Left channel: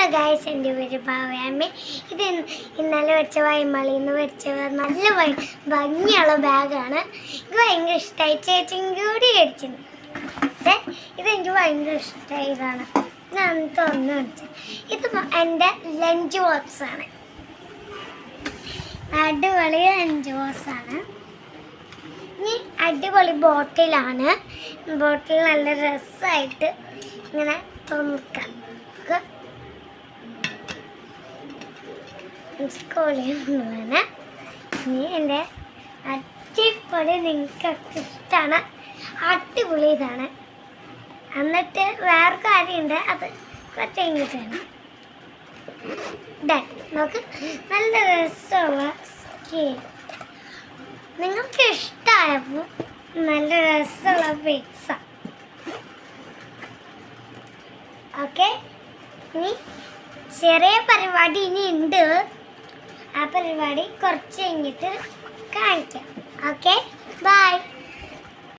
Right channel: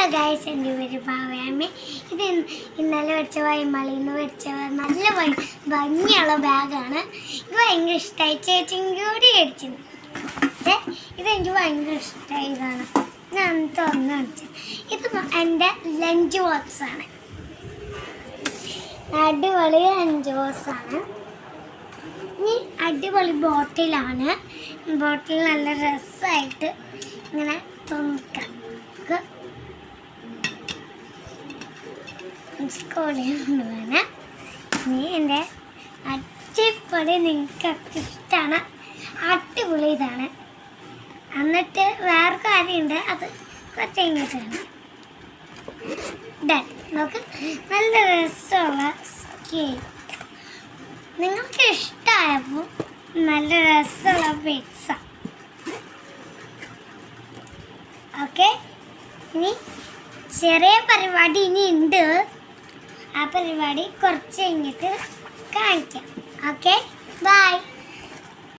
Hello guys, എൻ്റെ പേര് ഭാവയാമ്മ. ഇത് ഇന്നലെ വെച്ച വൈമളിന്ന് വെച്ച നല്ല ഭംഗിയുള്ള ബാഗാണ്. ഇത് ഭയങ്കര ഇഷ്ടമായി. ചേച്ചിയും കൂടി മേടിച്ചിട്ടുണ്ട്. ഇതെനിക്ക് ഭയങ്കര ഇഷ്ടമായി. ഇതാണ് ഞാൻ തുറന്ന് കാണിച്ചത്. ഇത് എൻ്റെ ലഞ്ച് ബോക്സാണ്. അടിപൊളി ലഞ്ച് ബോക്സാണ്. ഇനി അടിപൊളി ബോട്ടിലാണ്. ബോട്ടിൽ നല്ല രസമായിട്ട് ഇങ്ങനെ തുറക്കാം. സ്കൂളിൽ നീ എൻ്റെ അടിപൊളി, നിങ്ങൾക്കൊക്കെ ഇഷ്ടമാണ്. അടിപൊളി ഇതാണ്. എന്നിട്ട് വേറെ കാര്യമുണ്ട്, അത് കുറച്ച് കഴിഞ്ഞിട്ടാണ്. നോക്ക്, നല്ല രസമുള്ള കേക്ക്. നിങ്ങൾക്ക് ഇഷ്ടമായപ്പോൾ നല്ല രസമുള്ള പിസ്സ. ഓക്കെ, ഇനി ചെറിയ പരിപാടി ഇനി ഉണ്ട്. ആ പരിപാടി കുറച്ച് കഴിഞ്ഞിട്ട് കാണിക്കാം. Okay, by.